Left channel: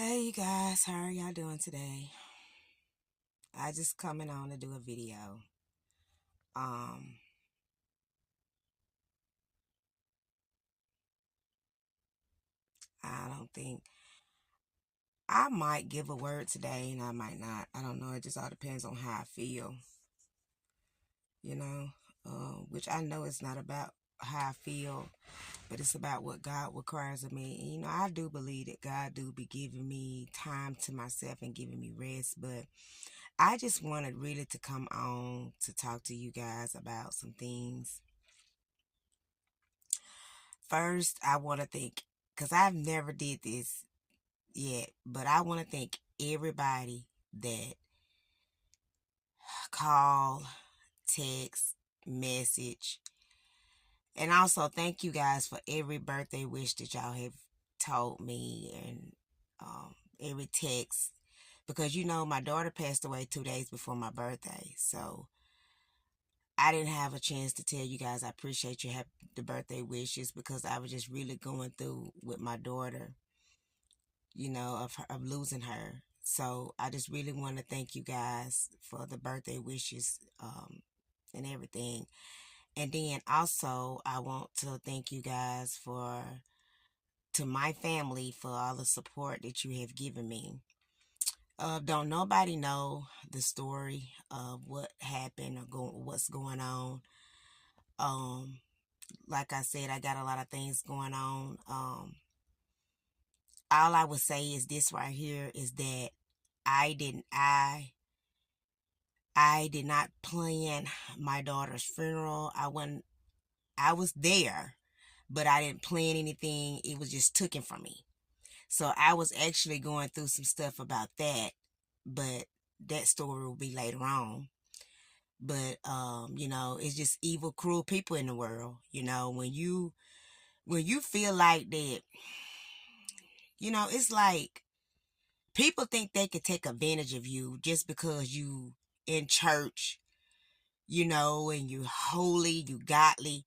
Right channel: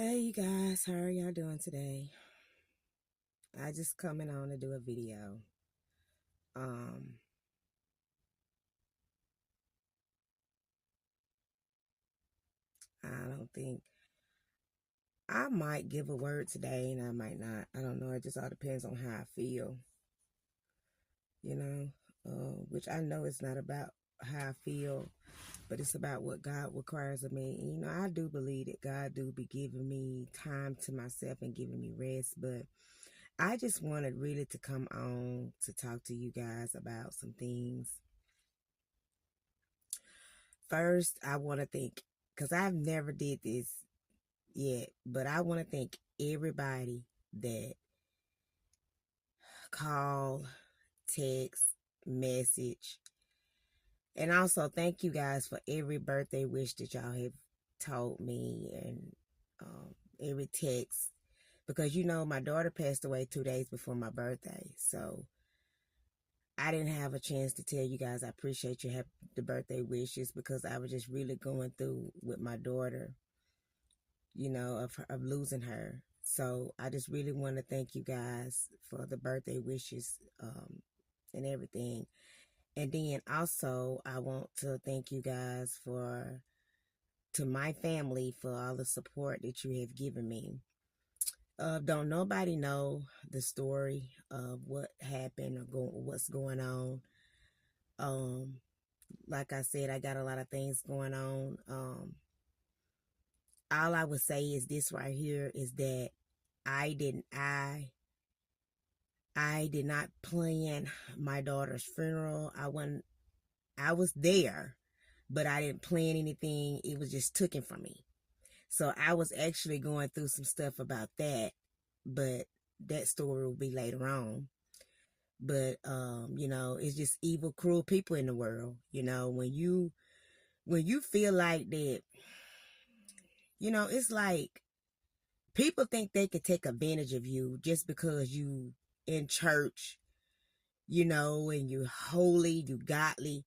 Hey you guys, how are y'all doing today? I just coming on to do a video. Um, I don't think I might give a word today and I might not. I don't know. It just all depends on how I feel, you know, which I know it's not about how I feel, but it's about what God requires of me. And, I do believe that God do be giving me time to myself and giving me rest, but I just wanted really to come on to talk to you guys about some things. First, I want to thank, because I've never did this yet, but I want to thank everybody that call, text, message, and also thank you guys for every birthday wish that y'all have told me and every text. Because my daughter passed away 2 days before my birthday, so I didn't have a chance to tell you guys I appreciate your the birthday wishes because I was just really going through with my daughter, of losing her. So I just really want to thank you guys for the birthday wishes and everything. And then also I want to thank you guys to my family for all the support that you have given me. Don't nobody know the story of what happened or what's going on. Um, like I said, I got a lot of things going on. All I would say is this right here is that I didn't I did not plan my daughter's funeral. I was there, but I didn't plan anything. It was just taken from me. So I was actually going through some stuff about that, but that story will be later on. But it's just evil, cruel people in the world. When you feel like that, it's like people think they could take advantage of you just because you in church, and you holy, you godly,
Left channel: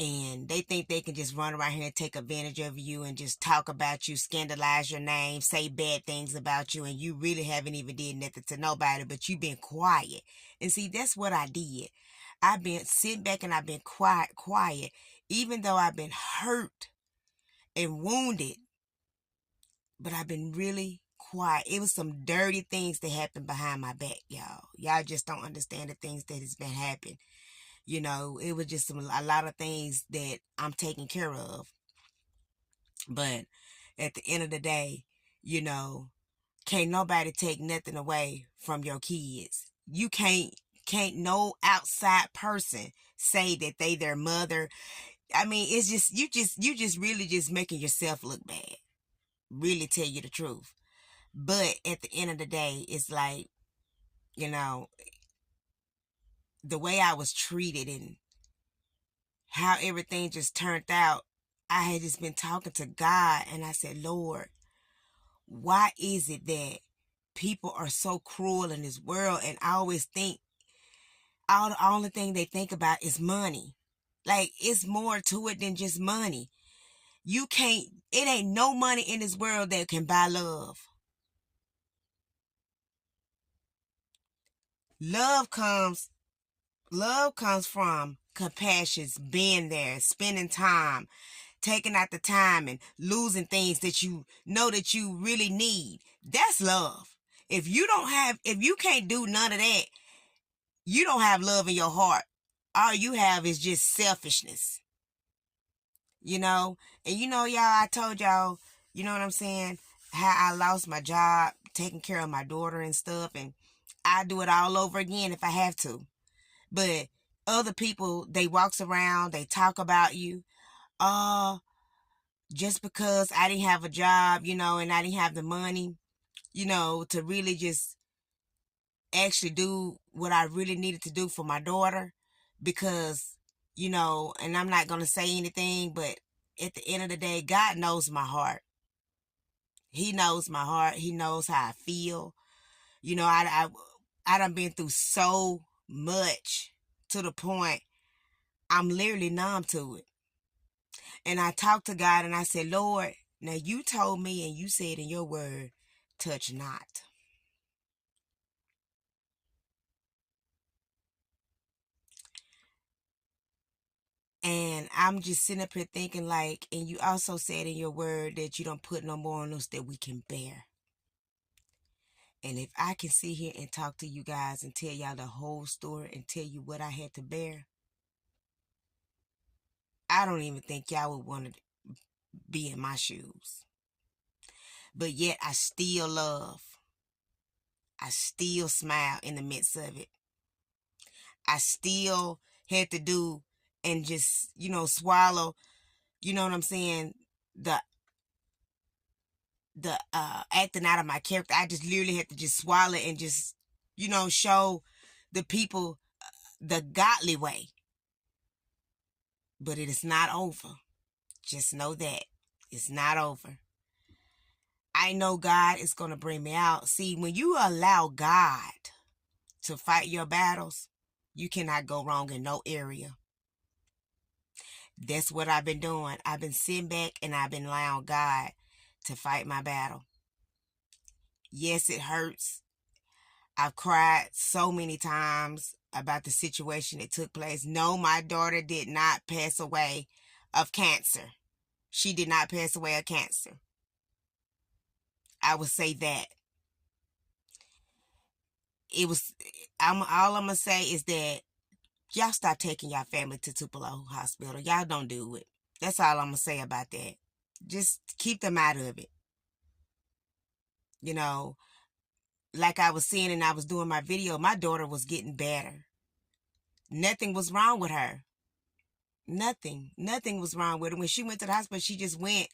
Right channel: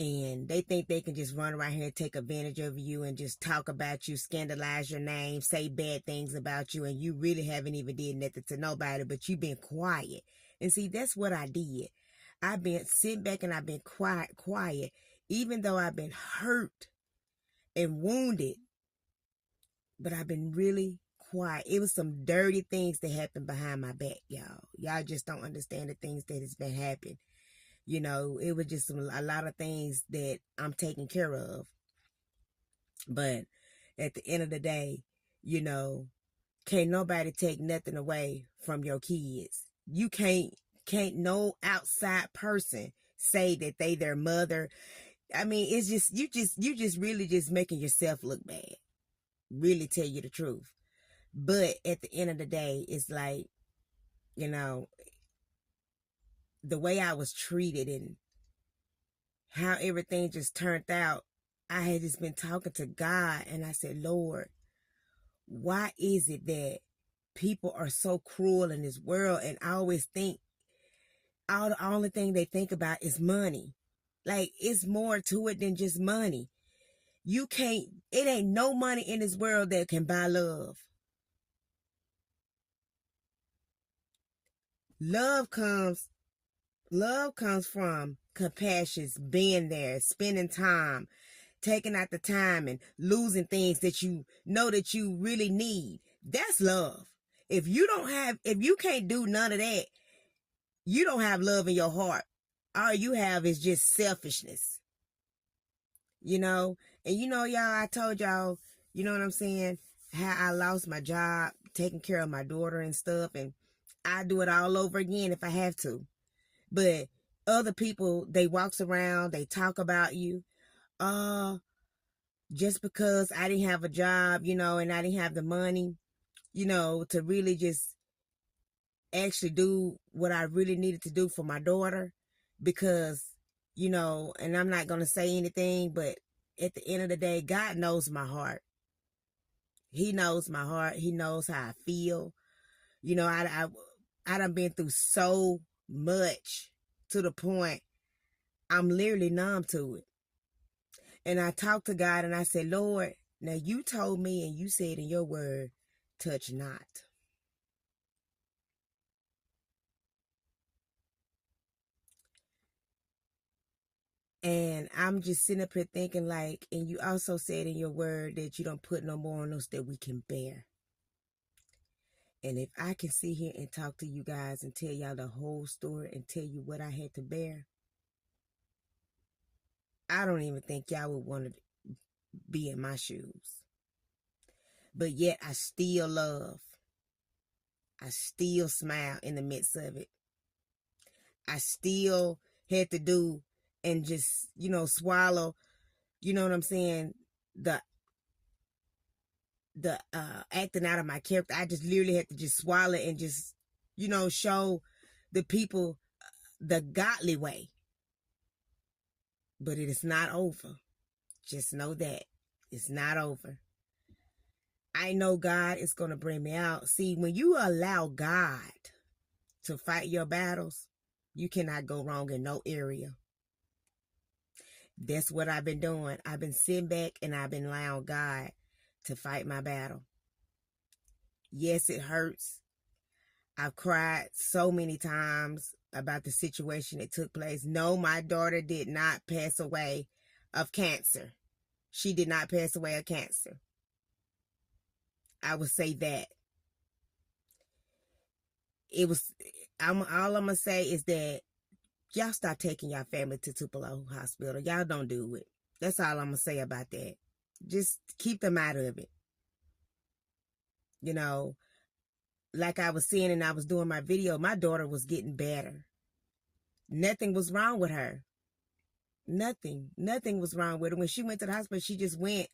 and they think they can just run around here and take advantage of you and just talk about you, scandalize your name, say bad things about you, and you really haven't even did nothing to nobody, but you've been quiet. And see, that's what I did. I've been sitting back and I've been quiet, even though I've been hurt and wounded, but I've been really quiet. It was some dirty things that happened behind my back, y'all. Y'all just don't understand the things that has been happening. It was just a lot of things that I'm taking care of. But at the end of the day, you know, can't nobody take nothing away from your kids. You can't no outside person say that they their mother. I mean, it's just you just really just making yourself look bad. Really tell you the truth. But at the end of the day, it's like, you know, the way I was treated and how everything just turned out, I had just been talking to God and I said, Lord, why is it that people are so cruel in this world? And I always think the only thing they think about is money. Like, it's more to it than just money. It ain't no money in this world that can buy love. Love comes Love comes from compassion, being there, spending time, taking out the time and losing things that you know that you really need. That's love. If you can't do none of that, you don't have love in your heart. All you have is just selfishness, you know? And y'all, I told y'all, you know what I'm saying? How I lost my job, taking care of my daughter and stuff. And I do it all over again if I have to. But other people, they walks around, they talk about you. Uh, just because I didn't have a job, and I didn't have the money, to really just actually do what I really needed to do for my daughter. Because, and I'm not going to say anything, but at the end of the day, God knows my heart. He knows my heart. He knows how I feel. I done been through so much to the point I'm literally numb to it. And I talked to God and I said, Lord, now you told me and you said in your word touch not. And I'm just sitting up here thinking, like, and you also said in your word that you don't put no more on us that we can bear. And if I can sit here and talk to you guys and tell y'all the whole story and tell you what I had to bear, I don't even think y'all would want to be in my shoes. But yet I still love. I still smile in the midst of it. I still had to do and just, swallow, you know what I'm saying, the acting out of my character. I just literally had to just swallow and just, show the people the godly way. But it is not over. Just know that it's not over. I know God is going to bring me out. See, when you allow God to fight your battles, you cannot go wrong in no area. That's what I've been doing. I've been sitting back and I've been allowing God to fight my battle. Yes, it hurts. I've cried so many times about the situation that took place. No, my daughter did not pass away of cancer. She did not pass away of cancer. I would say that. All I'm going to say is that y'all stop taking y'all family to Tupelo Hospital. Y'all don't do it. That's all I'm going to say about that. Just keep them out of it. Like I was saying and I was doing my video, my daughter was getting better. Nothing was wrong with her. Nothing was wrong with her. When she went to the hospital, she just went,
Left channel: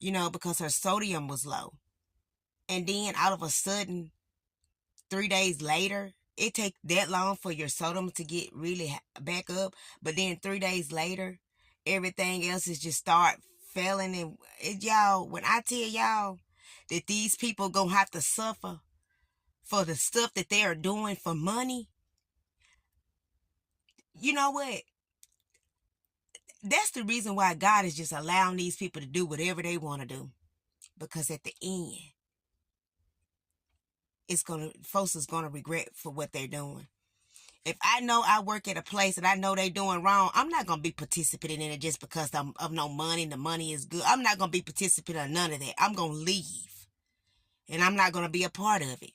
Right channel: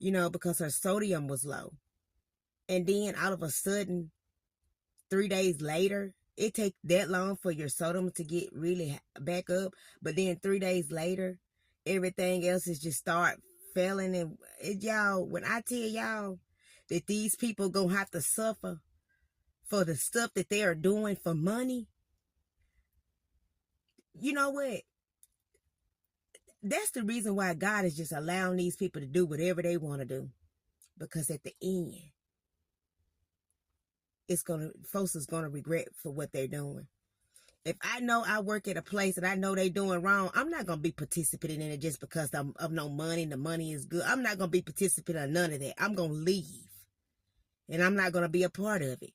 because her sodium was low. And then all of a sudden, 3 days later, it takes that long for your sodium to get really back up. But then 3 days later, everything else is just start failing. And y'all, when I tell y'all that these people gonna have to suffer for the stuff that they are doing for money, you know what? That's the reason why God is just allowing these people to do whatever they want to do. Because at the end, folks is gonna regret for what they're doing. If I know I work at a place and I know they doing wrong, I'm not gonna be participating in it just because of no money and the money is good. I'm not gonna be participating in none of that. I'm gonna leave. And I'm not gonna be a part of it.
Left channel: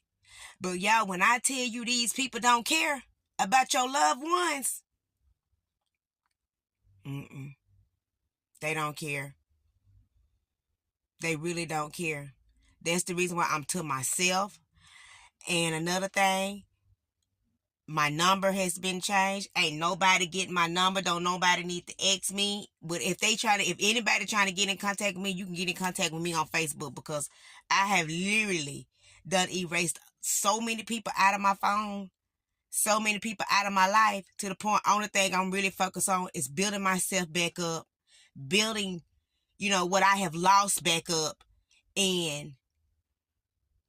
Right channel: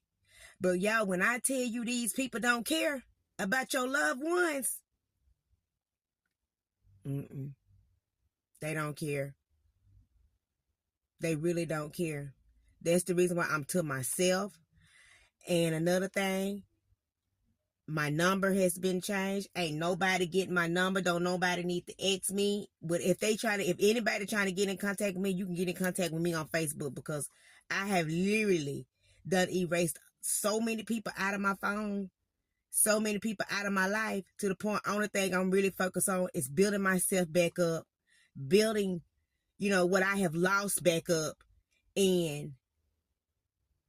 But y'all, when I tell you these people don't care about your loved ones, they don't care. They really don't care. That's the reason why I'm to myself. And another thing, my number has been changed. Ain't nobody getting my number. Don't nobody need to X me. But if anybody trying to get in contact with me, you can get in contact with me on Facebook, because I have literally done erased so many people out of my phone, so many people out of my life, to the point only thing I'm really focused on is building myself back up, building, what I have lost back up, and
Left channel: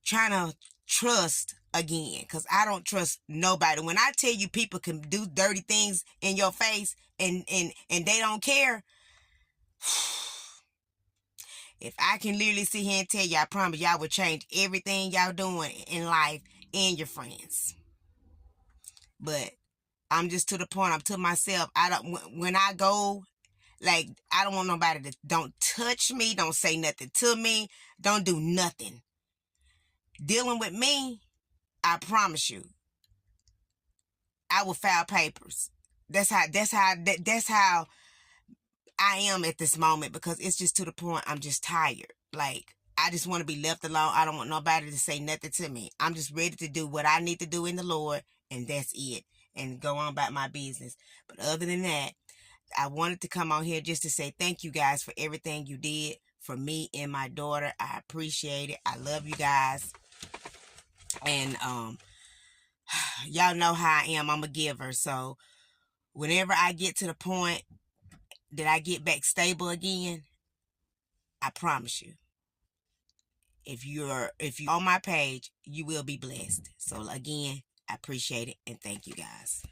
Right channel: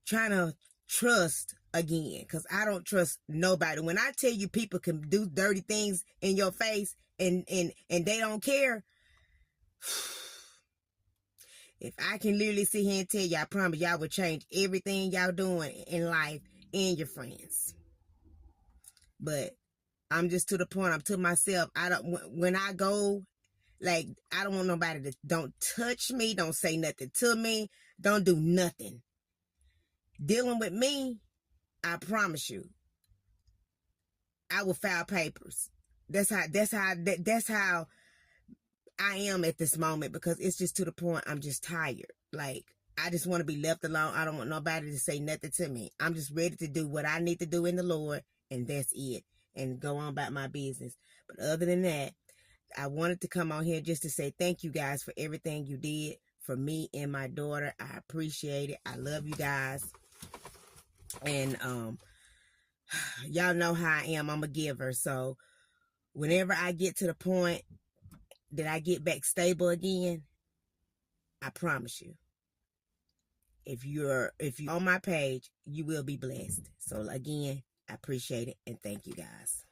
trying to trust again, because I don't trust nobody. When I tell you people can do dirty things in your face and they don't care, if I can literally sit here and tell you, I promise y'all will change everything y'all doing in life and your friends. But I'm just to the point, I'm to myself. When I go, like, I don't want nobody to don't touch me, don't say nothing to me, don't do nothing. Dealing with me, I promise you, I will file papers. That's how I am at this moment, because it's just to the point I'm just tired. Like, I just want to be left alone. I don't want nobody to say nothing to me. I'm just ready to do what I need to do in the Lord, and that's it, and go on about my business. But other than that, I wanted to come on here just to say thank you guys for everything you did for me and my daughter. I appreciate it. I love you guys. And y'all know how I am. I'm a giver. So whenever I get to the point that I get back stable again, I promise you, if you're on my page, you will be blessed. So again, I appreciate it, and thank you guys.